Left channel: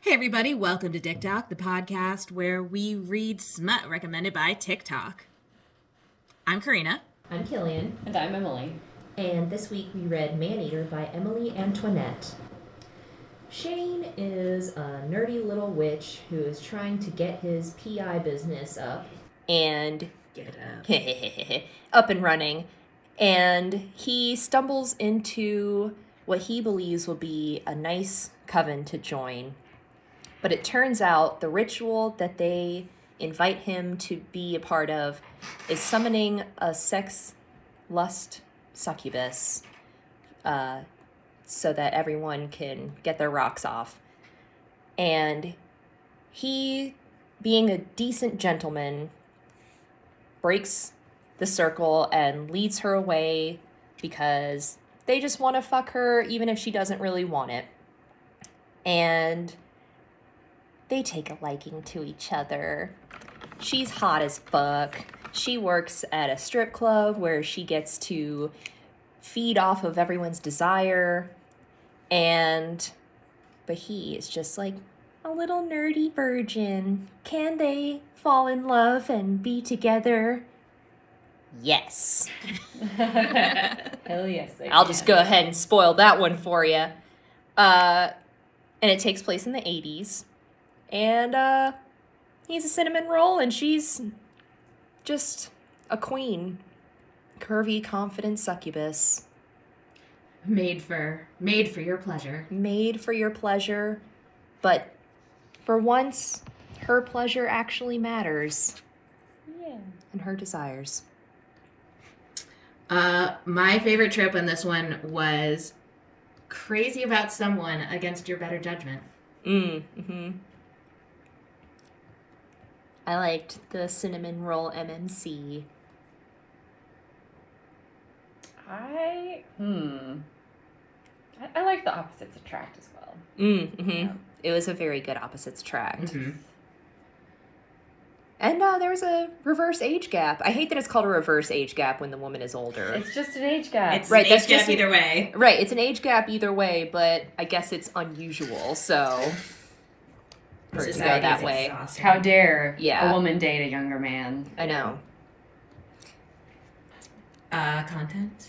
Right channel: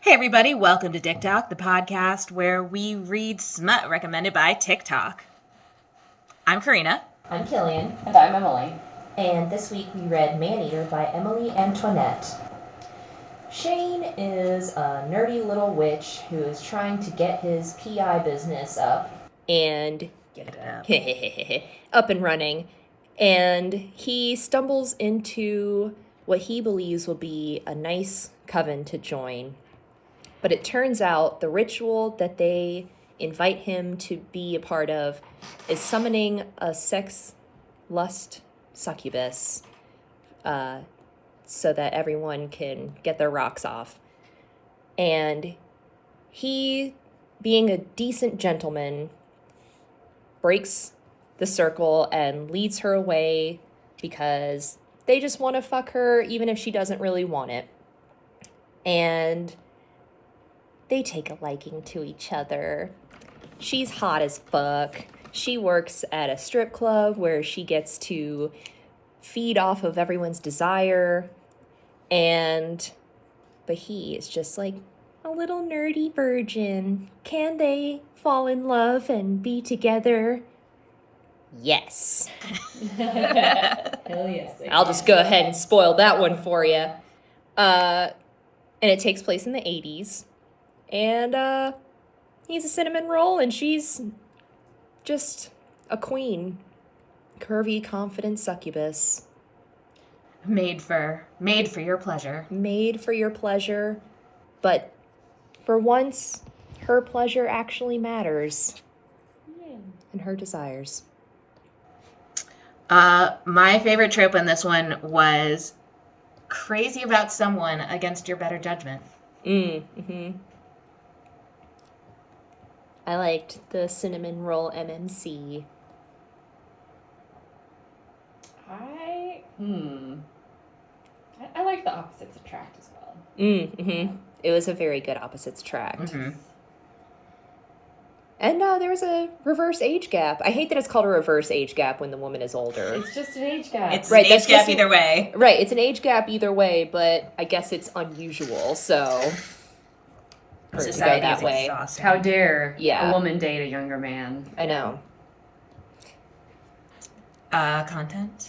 Hey everybody, welcome to Diktok, the podcast where we read smut recommended by TikTok. I'm Karina. I'm Killian. And I'm Emily. And this week we read Maneater by Emily Antoinette. Shane is a nerdy little witch who is trying to get his PI business up. And Get it up. up and running. And he stumbles into what he believes will be a nice coven to join. But it turns out the ritual that they invite him to be a part of is summoning a sex lust succubus so that everyone can get their rocks off. And he, being a decent gentleman, breaks the circle and leads her away because they just want to fuck her even if she doesn't really want it. And they take a liking to each other. She's hot as fuck. She works at a strip club where she gets to feed off of everyone's desire. But he is just like a little nerdy virgin. Can they fall in love and be together? Yes. Hell yes. I'll just go ahead and spoil that one for you. And it takes place in the 80s. And he's a cinnamon roll, and she's just a queen. Curvy, confident succubus. Made for your pleasure. Made for your pleasure. But for once, her pleasure actually matters. Yeah. And her desires. My favorite trope in this one was crazy about someone against your better judgment. Mm-hmm. I liked the cinnamon roll MMC. I like the opposites attract as well. Mm-hmm. It was a very good opposites attract. Mm-hmm. And there was a reverse age gap. I hate that it's called a reverse age gap when the woman is older. It's just an age gap. It's Right, an that's age gap just either way. Right, it's an age gap either way, but I guess it's unusual, so for it to go Society that is way. exhausting. How dare Yeah. a woman date a younger man? I know. Content?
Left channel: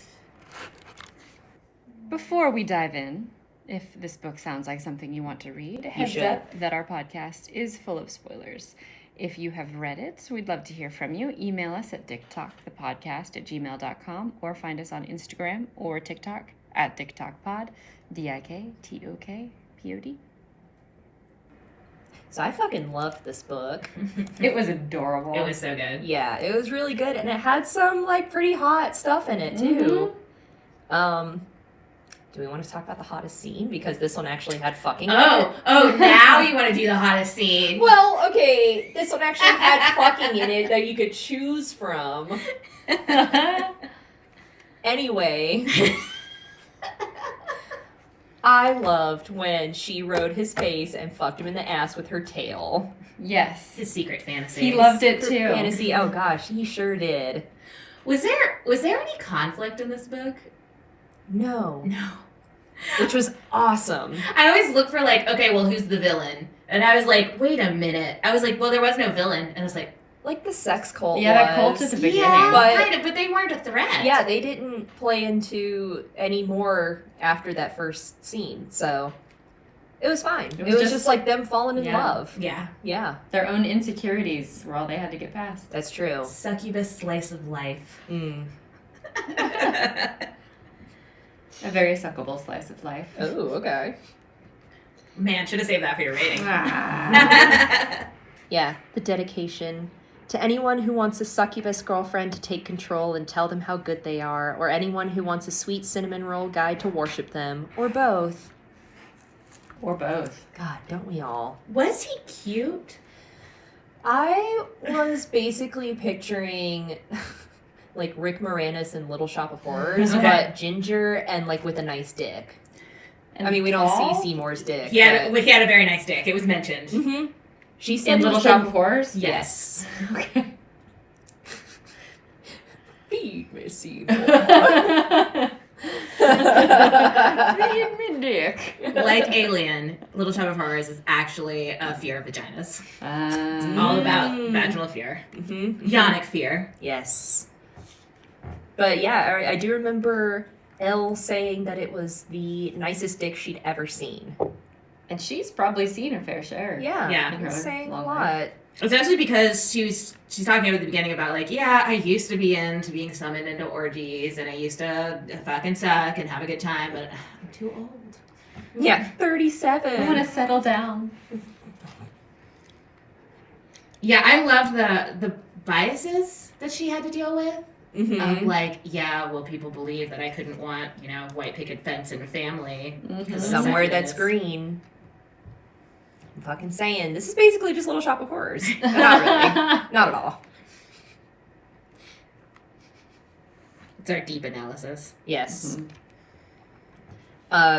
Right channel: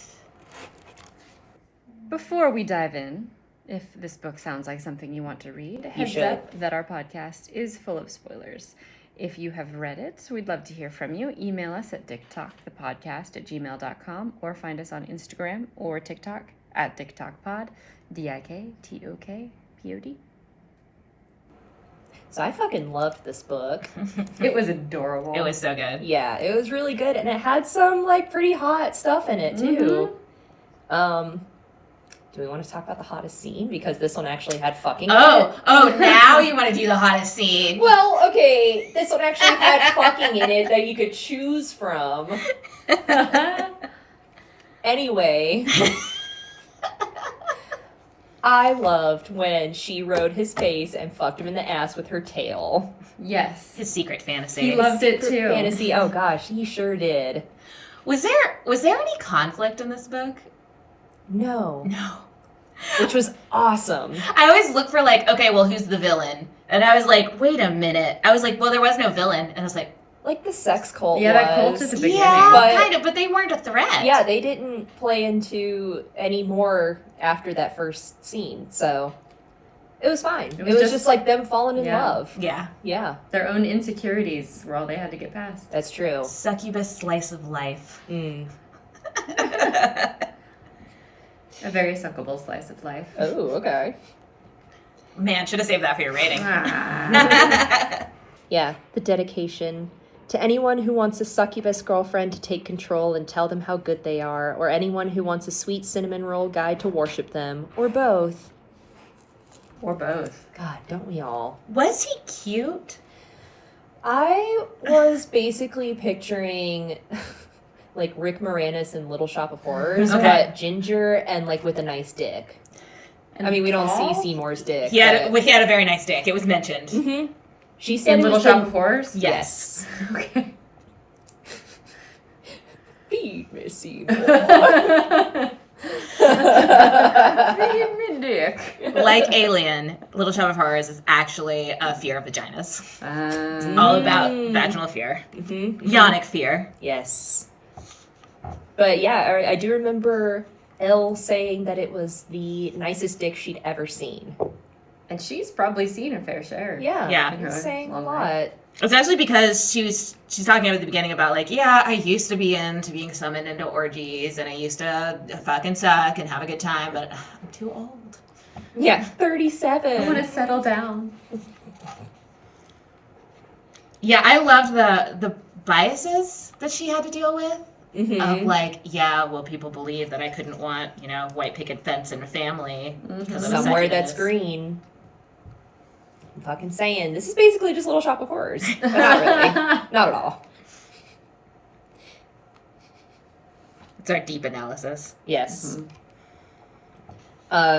Before we dive in, if this book sounds like something you want to read, heads should. up that our podcast is full of spoilers. If you have read it, we'd love to hear from you. Email us at diktokthepodcast@gmail.com or find us on Instagram or TikTok at diktokpod, DIKTOKPOD. So I fucking loved this book. It was adorable. It was so good. Yeah, it was really good, and it had some like pretty hot stuff in it too. Do we want to talk about the hottest scene? Because this one actually had fucking in it. Oh, now you want to do the hottest scene. Well, okay, this one actually had fucking in it that you could choose from. Anyway, I loved when she rode his face and fucked him in the ass with her tail. Yes. His secret fantasy. He loved it too. Fantasy, oh gosh, he sure did. Was there any conflict in this book? No. No. Which was awesome. I always look for like, okay, well, who's the villain? And I was like, wait a minute. I was like, well, there was no villain. And I was like, Like the sex cult Yeah, that cult was. at the beginning. yeah, But- kind of, but they weren't a threat. Yeah, they didn't play into any more after that first scene, so it was fine. It was just like them falling in Yeah. love. Yeah. Yeah, Their own insecurities were all they had to get past. that's true. Succubus slice of life. Mm. A very suckable slice of life. Oh, okay. Man, should have saved that for your rating. Ah. Yeah, the dedication to anyone who wants a succubus girlfriend to take control and tell them how good they are, or anyone who wants a sweet cinnamon roll guy to worship them, or both. Or both. God, don't we all? Was he cute? I was basically picturing like Rick Moranis in Little Shop of Horrors, Okay. but ginger and like with a nice dick. And I mean, we don't tall? see Seymour's dick. He had a very nice dick. It was mentioned. Mm-hmm. She said In he Little was Shop the- of Horrors? Yes. Okay. Feed me, Seymour. Feed me dick. Like Alien, Little Shop of Horrors is actually a fear of vaginas. Um, All about vaginal fear. Mm-hmm. Yonic fear. Yes. But yeah, I do remember Elle saying that it was the nicest dick she'd ever seen. and she's probably seen her fair share. Yeah, Yeah. she was saying a Long lot. Especially because she's talking at the beginning about like, yeah, I used to be into being summoned into orgies and I used to fucking suck and have a good time, but I'm too old. Yeah, 37. I want to settle down. Yeah, I loved the biases that she had to deal with. Mhm. Of like, yeah, well, people believe that I couldn't want, white picket fence and a family. because of Somewhere that's succubus. green. I'm fucking saying. This is basically just Little Shop of Horrors. But not really. Not at all. It's our deep analysis. Yes. Mhm.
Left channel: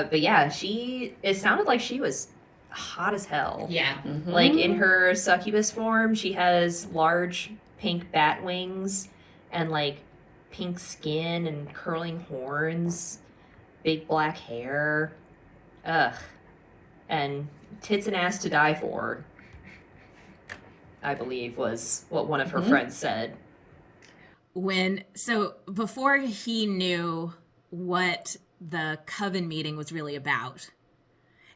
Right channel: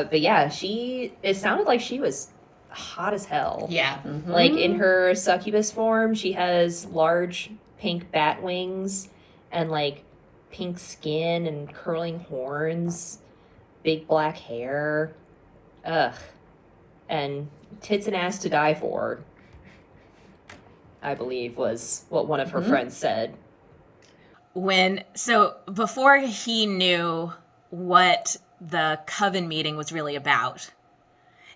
But yeah, it sounded like she was hot as hell. Yeah. Mhm. Like in her succubus form, she has large pink bat wings and like pink skin and curling horns, big black hair. Ugh. And tits and ass to die for, I believe was what one of her friends said. So before he knew what the coven meeting was really about,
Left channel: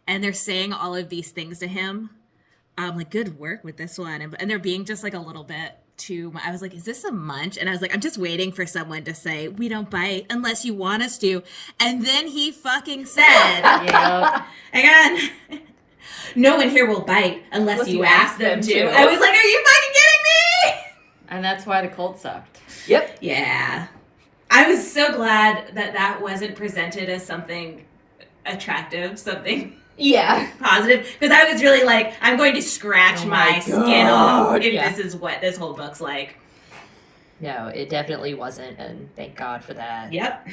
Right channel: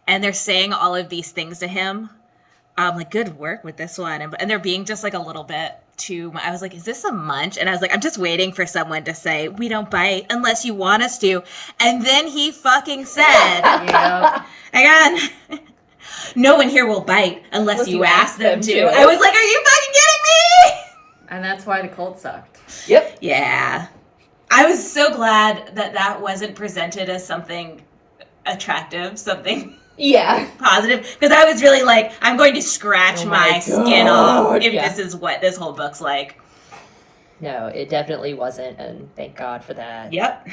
and they're saying all of these things to him, I'm like, good work with this one. And they're being just like a little bit too, I was like, is this a munch? And I was like, I'm just waiting for someone to say, we don't bite unless you want us to. And then he fucking said, Yep. again, no one here will bite unless you ask them to. I was like, are you fucking kidding me? And that's why the cult sucked. Yep. Yeah. I was so glad that wasn't presented as something attractive, something Yeah. positive, because I was really like, I'm going to scratch Oh my my skin off God, if yeah. this is what this whole book's like. No, it definitely wasn't, and thank God for that. Yep.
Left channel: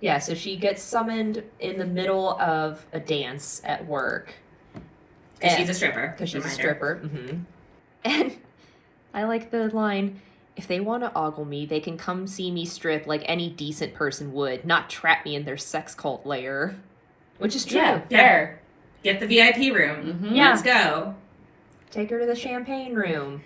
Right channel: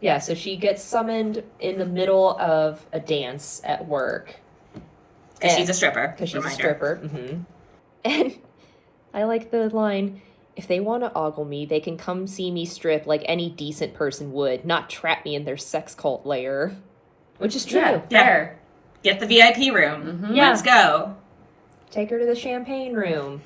Yeah, so she gets summoned in the middle of a dance at work. Because she's a stripper. Because she's a reminder. stripper. Mm-hmm. And I like the line, if they want to ogle me, they can come see me strip like any decent person would, not trap me in their sex cult lair. Which is true. Yeah, fair. Get the VIP room. Mhm. Yeah. Let's go. Take her to the champagne room.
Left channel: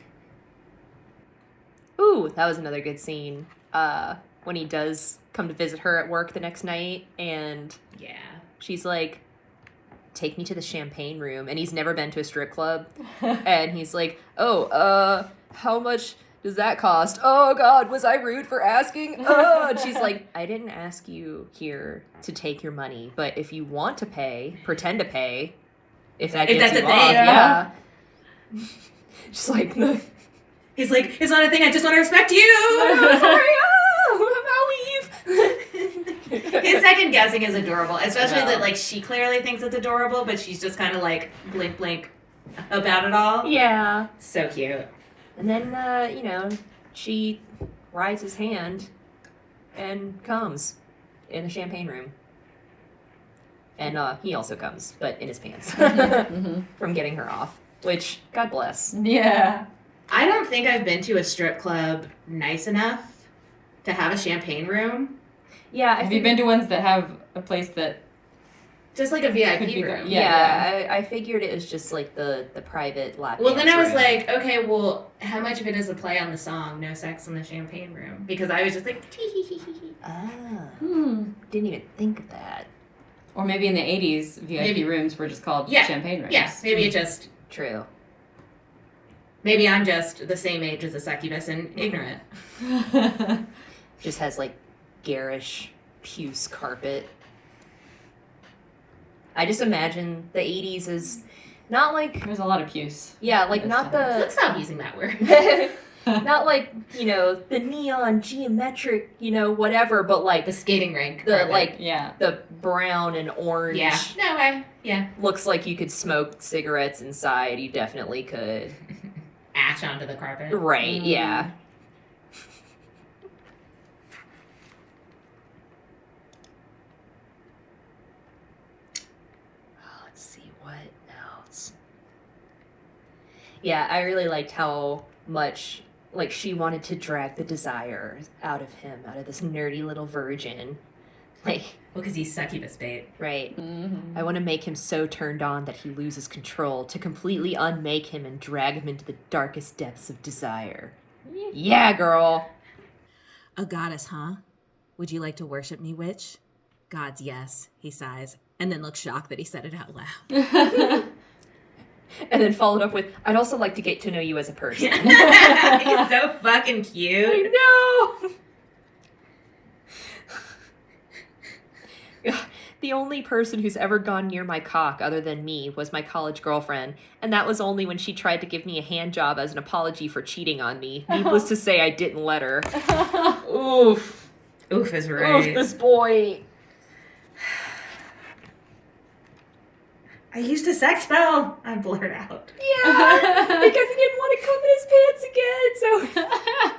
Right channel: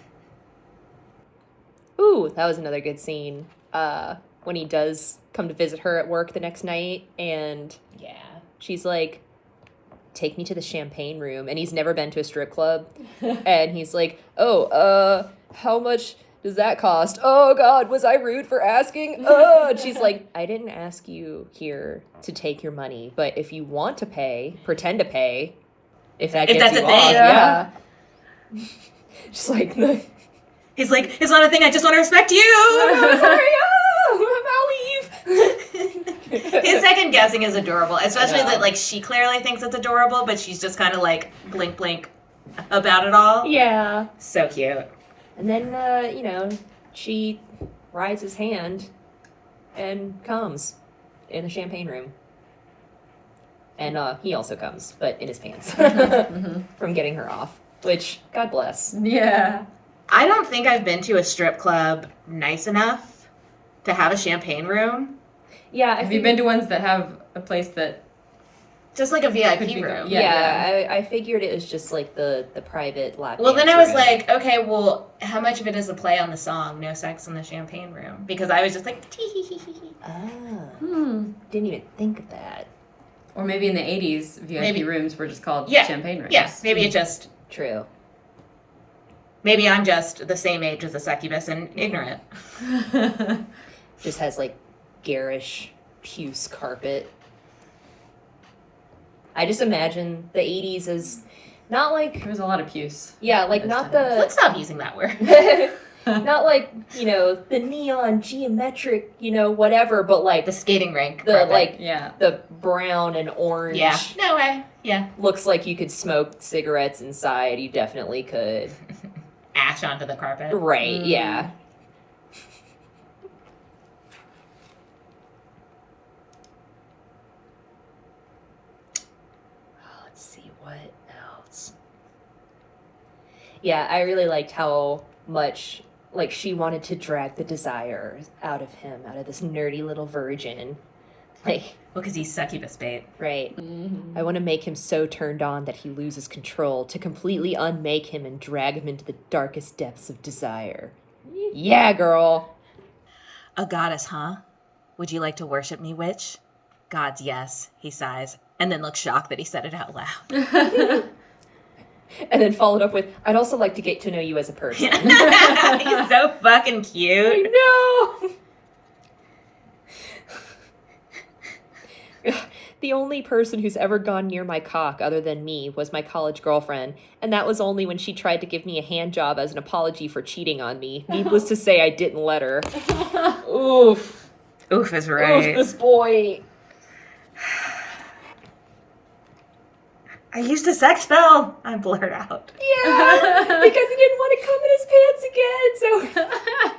Ooh, that was another good scene. When he does come to visit her at work the next night, and Yeah. she's like, take me to the champagne room, and he's never been to a strip club. And he's like, oh, how much does that cost? Oh God, was I rude for asking? Oh, and she's like, I didn't ask you here to take your money, but if you want to pay, pretend to pay. If that If gets that's you a thing, off, yeah. yeah. Just like He's like, it's not a thing, I just want to respect you. sorry, I'll leave. His second guessing is adorable, especially I know. that like she clearly thinks it's adorable, but she's just kind of like blink blink about it all. Yeah. So cute. And then, she rides his hand and comes in the champagne room. And he also comes, but in his pants Mhm. from getting her off, which, God bless. Yeah. I don't think I've been to a strip club nice enough to have a champagne room. Yeah, Have you been to ones that have a place that... Just like a Could VIP be room. good. Yeah, I figured it was just like the private lap Well, then dance I was room. like, okay, well, how much of it is a play on the song "No Sex in the Champagne Room"? Because I was just like, Ah, Hmm. didn't even think of that. Or maybe in the 80s, VIP Maybe. rooms were just called Yeah. champagne rooms. yeah, maybe it just, True. maybe I'm just the same age as a succubus and ignorant. Just has like garish puce carpet. I just imagine the 80s as not like, There was a lot of puce. yeah, like Those not times. the Let's stop using that word. not like, the neon geometric, whatever, but like The skating rink. the carpet. like Yeah. the brown and orange Yeah. No way. Yeah. looks like you could smoke cigarettes inside. You definitely could. Ash onto the carpet. Right, Mm. yeah. Let's see what else. Yeah, I really liked how much like she wanted to drag the desire out of him, out of this nerdy little virgin. Like, Well, because he's succubus bait. right. Mm-hmm. I want to make him so turned on that he loses control, to completely unmake him and drag him into the darkest depths of desire. Yeah, girl. A goddess, huh? Would you like to worship me, witch? Gods, yes, he sighs, and then looks shocked that he said it out loud. And then followed up with, I'd also like to get to know you as a person. He's so fucking cute. I know. The only person who's ever gone near my cock other than me was my college girlfriend, and that was only when she tried to give me a hand job as an apology for cheating on me. Needless to say, I didn't let her. Oof. Oof is Oof, right. this boy. I used to sex film. I blurred out. Yeah, because he didn't want to come in his pants again, so...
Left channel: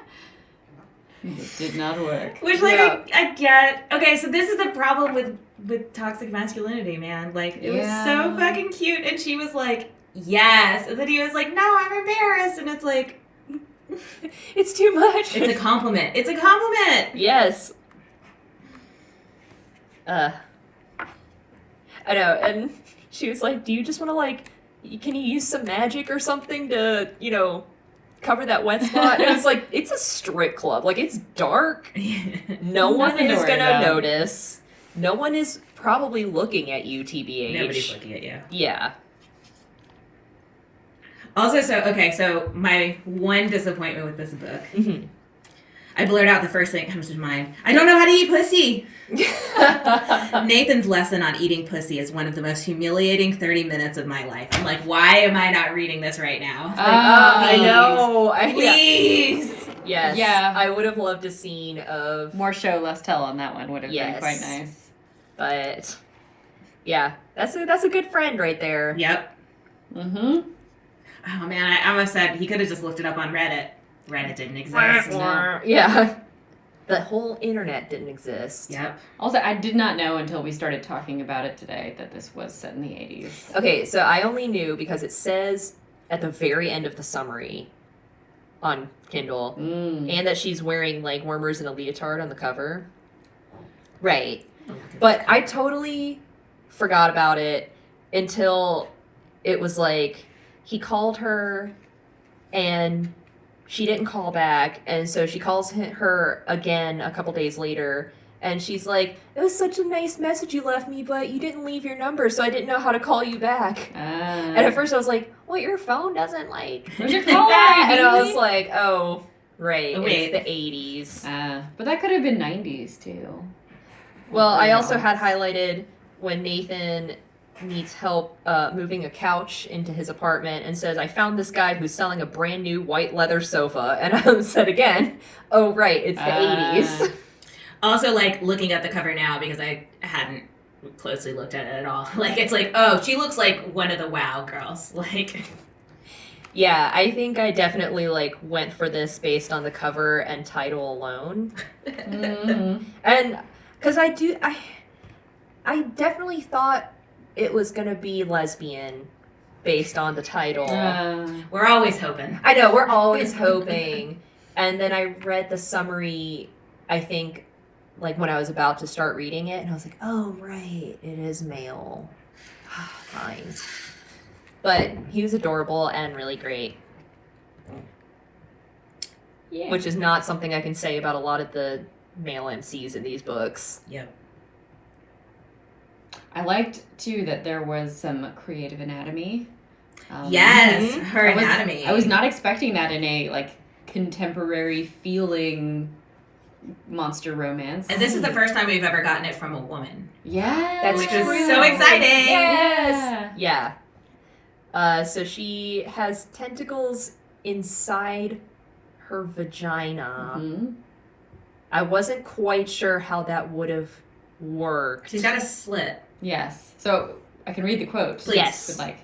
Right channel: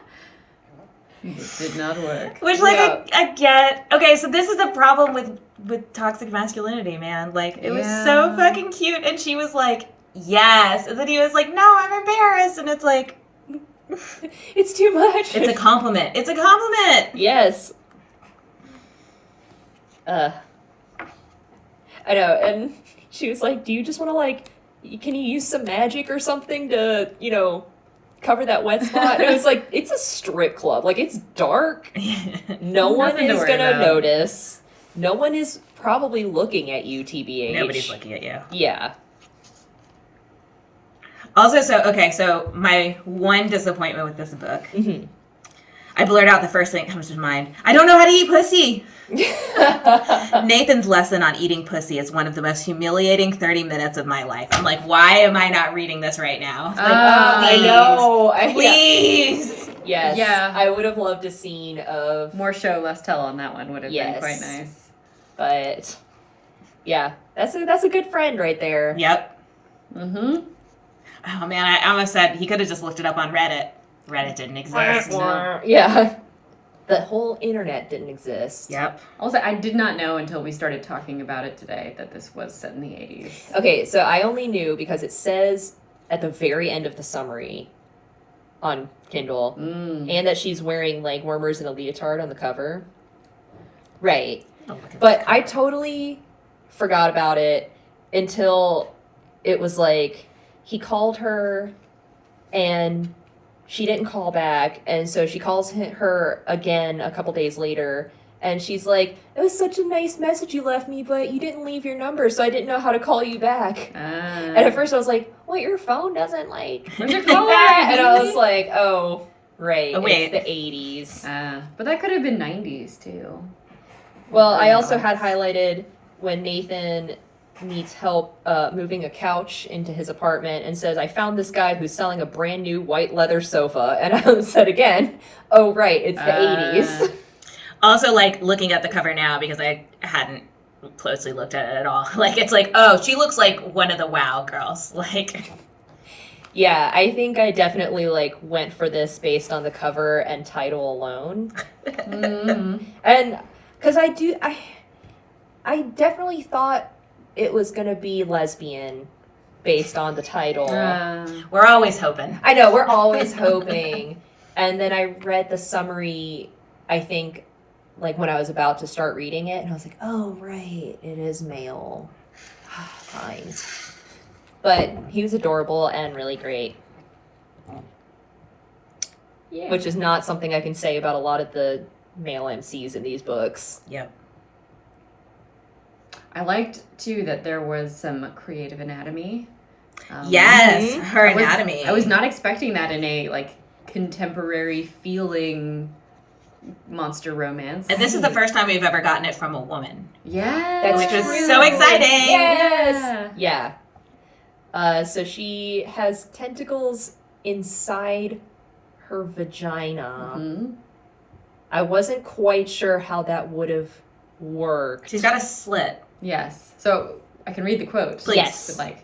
It did not work. Which, like, Yeah. I get. Okay, so this is the problem with toxic masculinity, man. Like, it was so fucking cute, and she was like, yes. And then he was like, no, I'm embarrassed. And it's like, It's too much. it's a compliment. It's a compliment. Yes. I know, and she was like, do you just want to, like, can you use some magic or something to, cover that wet spot? And it was like, it's a strip club. Like, it's dark. No one Nothing to is worry gonna about. notice. No one is probably looking at you, TBH. Nobody's looking at you. Yeah. Also, so my one disappointment with this book, Mhm. I blurt out the first thing that comes to mind. I don't know how to eat pussy. Nathan's lesson on eating pussy is one of the most humiliating 30 minutes of my life. I'm like, why am I not reading this right now? Like, I please. know. Please. Yes. Yeah. I would have loved a scene of, More show, less tell on that one would have been Yes. quite nice. but yeah, that's a good friend right there. Yep. Mm-hmm. Oh man, I almost said he could have just looked it up on Reddit. Reddit didn't exist. No. Yeah. The whole internet didn't exist. Yep. Also, I did not know until we started talking about it today that this was set in the 80s. Okay, so I only knew because it says at the very end of the summary on Kindle, and that she's wearing like warmers and a leotard on the cover. Right. But I totally forgot about it until it was like he called her and she didn't call back, and so she calls her again a couple days later, and she's like, it was such a nice message you left me, but you didn't leave your number, so I didn't know how to call you back. And at first I was like, well, your phone doesn't like... Where's your caller And I ID? was like, oh, right, Oh, wait. it's the 80s. But that could have been 90s, too. Well, I no, also had it's- highlighted when Nathan needs help moving a couch into his apartment and says, I found this guy who's selling a brand new white leather sofa. And I said again, oh, right, it's the 80s. Also, like, looking at the cover now, because I hadn't closely looked at it at all. Like, it's like, oh, she looks like one of the WoW girls. Like, Yeah, I think I definitely, like, went for this based on the cover and title alone. Mm-hmm. And, because I definitely thought it was going to be lesbian based on the title. we're always hoping. I know, we're always hoping. And then I read the summary, I think, like when I was about to start reading it, and I was like, oh, right, it is male. Fine. But he was adorable and really great, Yeah. which is not something I can say about a lot of the male MCs in these books. Yep. I liked, too, that there was some creative anatomy. Yes, her I was- anatomy. I was not expecting that in a, like, contemporary feeling monster romance. And this is the first time we've ever gotten it from a woman. Yeah. That's Which is true. so exciting. Yes! Yeah. So she has tentacles inside her vagina. Mhm. I wasn't quite sure how that would have worked. She's got a slit. Yes. So I can read the quote. Please. Yes. But like,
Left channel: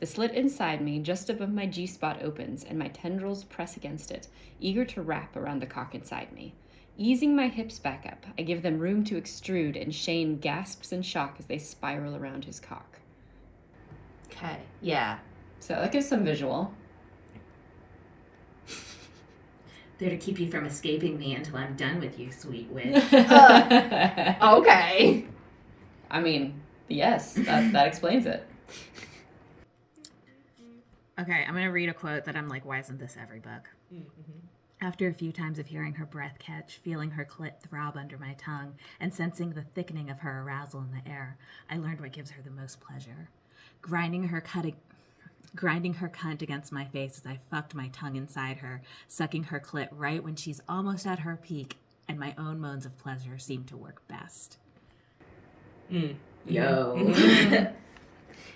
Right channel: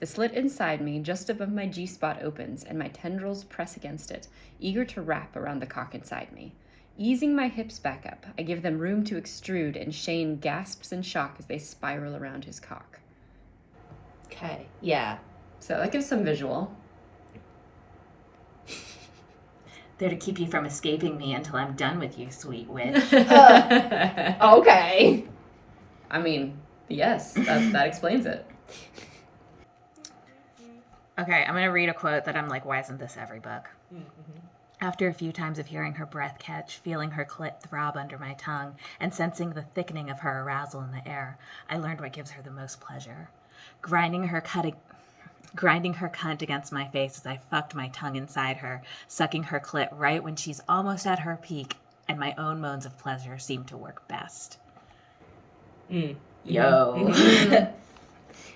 the slit inside me, just above my G-spot, opens, and my tendrils press against it, eager to wrap around the cock inside me. Easing my hips back up, I give them room to extrude, and Shane gasps in shock as they spiral around his cock. Okay. Yeah. So that gives some visual. They're to keep you from escaping me until I'm done with you, sweet witch. Okay. I mean, yes, that explains it. Okay, I'm going to read a quote that I'm like, why isn't this every book? After a few times of hearing her breath catch, feeling her clit throb under my tongue, and sensing the thickening of her arousal in the air, I learned what gives her the most pleasure. Grinding her cunt against my face as I fucked my tongue inside her, sucking her clit right when she's almost at her peak, and my own moans of pleasure seem to work best. Yo.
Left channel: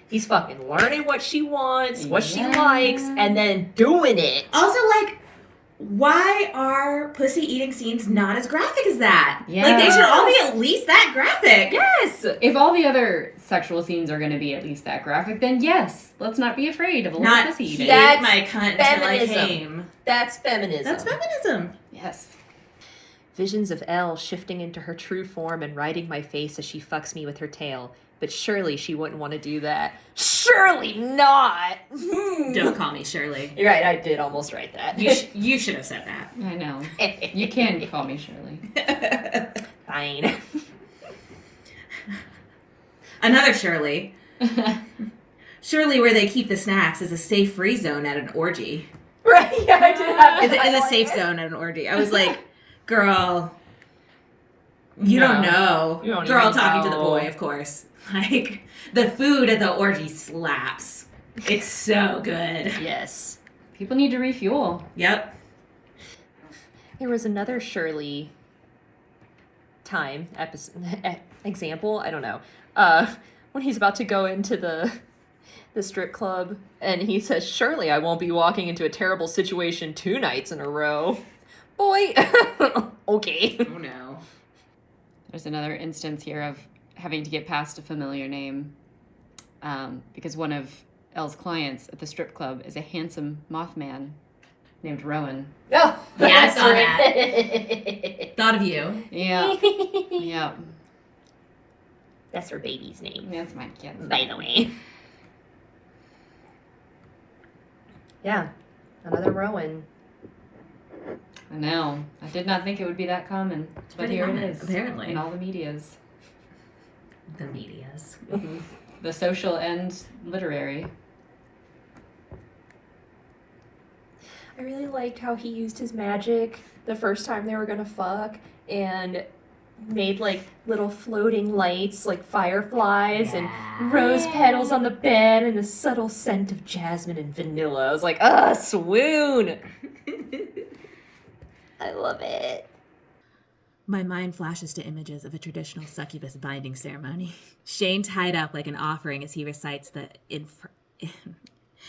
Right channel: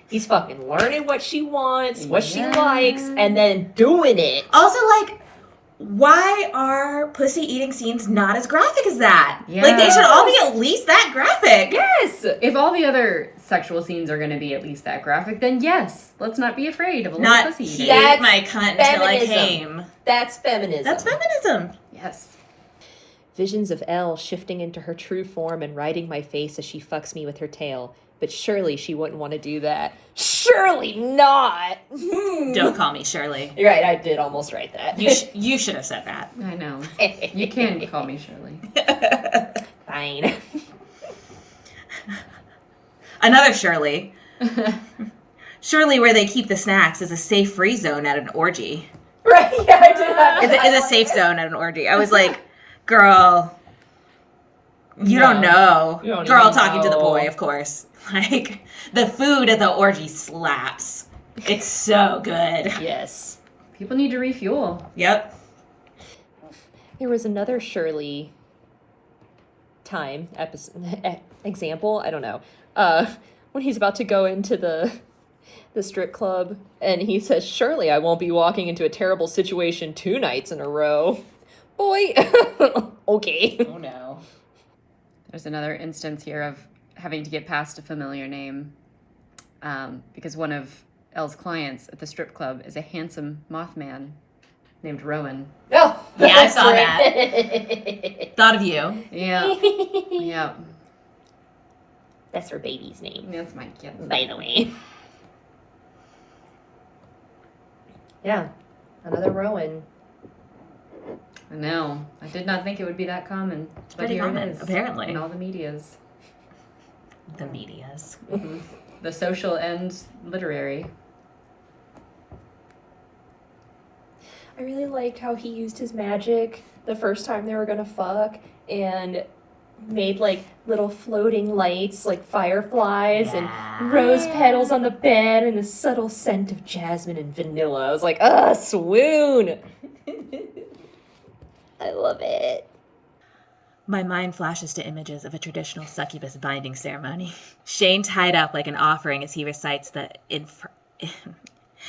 He's fucking learning what she wants, what she likes, and then doing it. Also, like, why are pussy eating scenes not as graphic as that? Yeah. Like, they should all be at least that graphic. Yes! If all the other sexual scenes are going to be at least that graphic, then yes, let's not be afraid of a little Not pussy he eating. That's ate my cunt until I feminism. came. That's feminism. That's feminism. Yes. Visions of Elle shifting into her true form and riding my face as she fucks me with her tail. But surely she wouldn't want to do that. Surely not! Don't call me Shirley. You're right, I did almost write that. You should have said that. I know. You can call me Shirley. Fine. Another Shirley. Shirley, where they keep the snacks, is a safe free zone at an orgy. Right, yeah, I did have Is a safe zone at an orgy. I was like, girl, you don't know. You don't Girl even talking to the know. boy, of course. Like, the food at the orgy slaps. It's so good. Yes. People need to refuel. Yep. There was another Shirley time example, I don't know. When he's about to go into the strip club and he says, "Surely I won't be walking into a terrible situation 2 nights in a row." Boy. Okay. Oh no. There's another instance here of having to get past a familiar name because one of Elle's clients at the strip club is a handsome Mothman named Rowan. Oh, Yeah, I that's saw right. Thought of you. Yeah. Yeah. That's her baby's name, That's my kid. by the way. Yeah, another Rowan. I know. I did not think it would be that common, but pretty here common, it is. apparently. In all the medias. The medias. The social and literary. I really liked how he used his magic the first time they were gonna fuck and made like little floating lights like fireflies and rose petals on the bed and the subtle scent of jasmine and vanilla. I was like, swoon. I love it. My mind flashes to images of a traditional succubus binding ceremony. Shane tied up like an offering as he recites the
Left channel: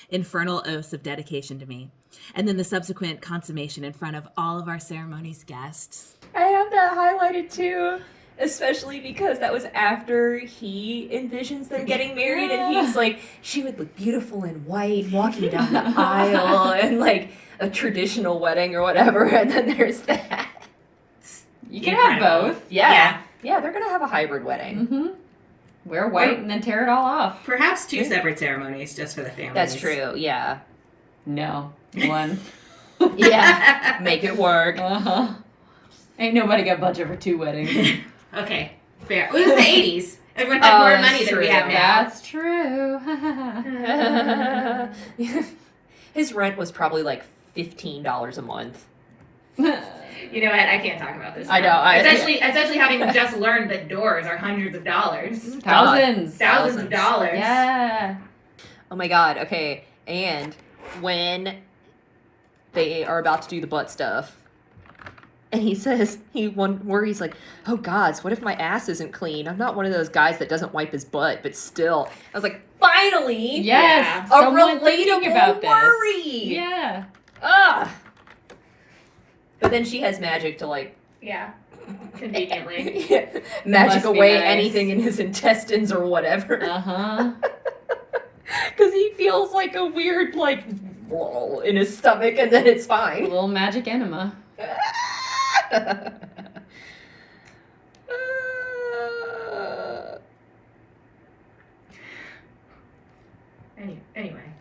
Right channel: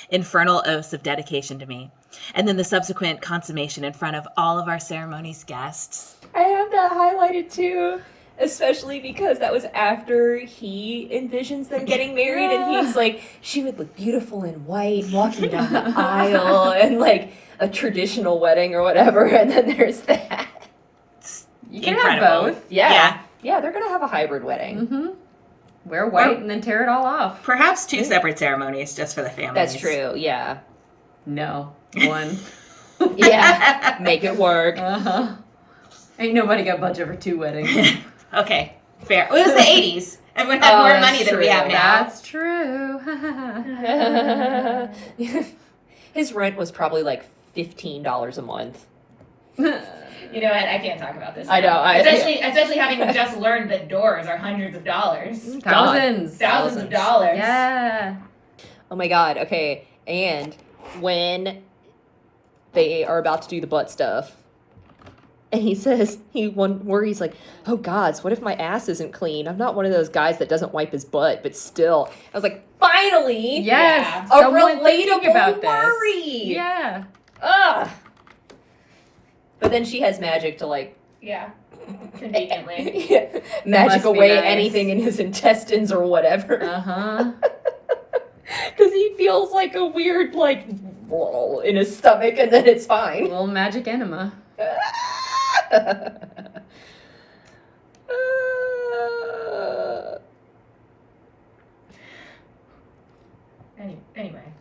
infernal oaths of dedication to me, and then the subsequent consummation in front of all of our ceremony's guests. I have that highlighted too, especially because that was after he envisions them getting married and he's like, she would look beautiful in white walking down the aisle and like a traditional wedding or whatever, and then there's that. You can Incredible. have both. Yeah, they're gonna have a hybrid wedding. Mm-hmm. Wear white and then tear it all off. Perhaps 2 separate ceremonies just for the families. That's true, yeah. No. One. Yeah, make it work. Uh-huh. Ain't nobody got budget for 2 weddings. Okay, fair. It was the 80s. Everyone had more money than we have now. That's true. His rent was probably like $15 a month. You know what? I can't talk about this. I know. Especially having just learned that doors are hundreds of dollars. Thousands. Thousands of dollars. Yeah. Oh my god, okay. And when they are about to do the butt stuff, and he says, he's like, "Oh gods, what if my ass isn't clean? I'm not one of those guys that doesn't wipe his butt, but still." I was like, finally! Yes. A Someone relatable thinking about this. worry! Yeah. Ugh! But then she has magic to like... Yeah. Conveniently. magic must be away nice. anything in his intestines or whatever. Uh-huh. Because he feels like a weird, like, in his stomach, and then it's A fine. little magic enema. Anyway.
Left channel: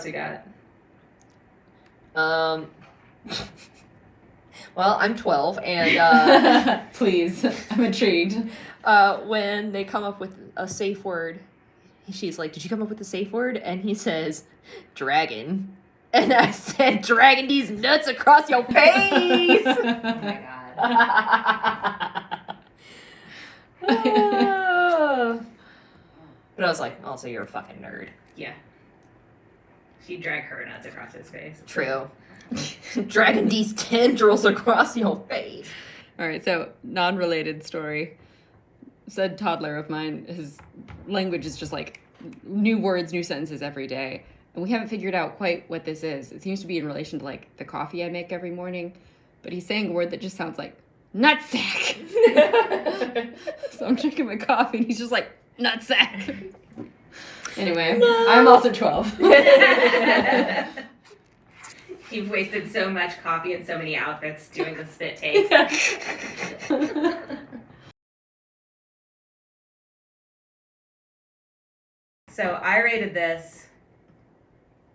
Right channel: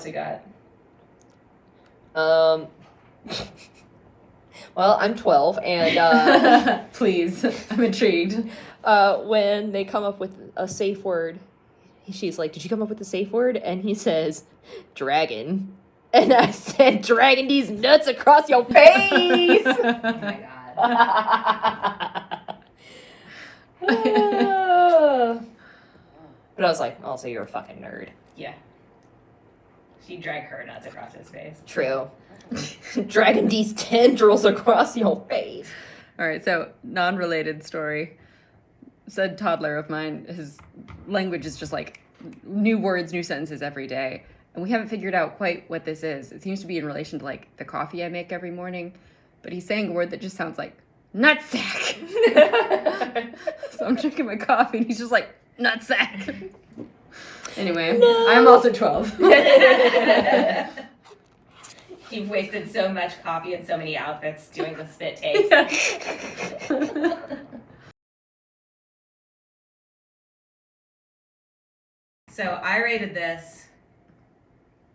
else we got? Well, I'm 12, and Please, I'm intrigued. when they come up with a safe word, she's like, "Did you come up with a safe word?" And he says, "Dragon." And I said, "Dragging these nuts across your face." Oh my god. But I was like, "Also, you're a fucking nerd." Yeah. She'd drag her nuts across his face. True. Dragging these tendrils across your face. All right, so non-related story. Said toddler of mine, his language is just like new words, new sentences every day. And we haven't figured out quite what this is. It seems to be in relation to like the coffee I make every morning. But he's saying a word that just sounds like nutsack. So I'm drinking my coffee and he's just like, nutsack. Anyway, No. I'm also 12. You've wasted so much coffee and so many outfits doing the spit takes. So I rated this.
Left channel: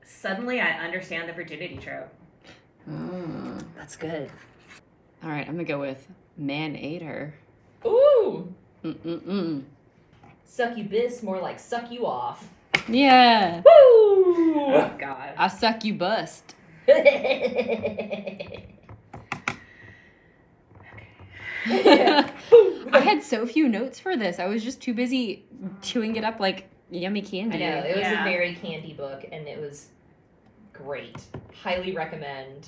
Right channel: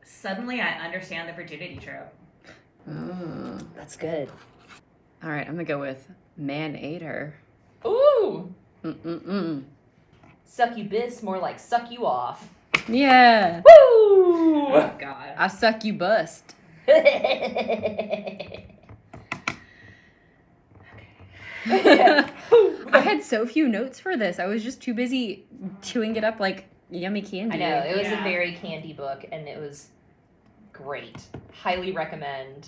Suddenly I understand the virginity trope. Oh. That's good. All right, I'm gonna go with Maneater. Ooh. Mm-mm-mm. Succubus, more like suck you off. Yeah. Woo! Oh god. I suck you bust. I had so few notes for this. I was just too busy chewing it up like yummy candy. I know, it was Yeah. a very candy book, and it was great. Highly recommend.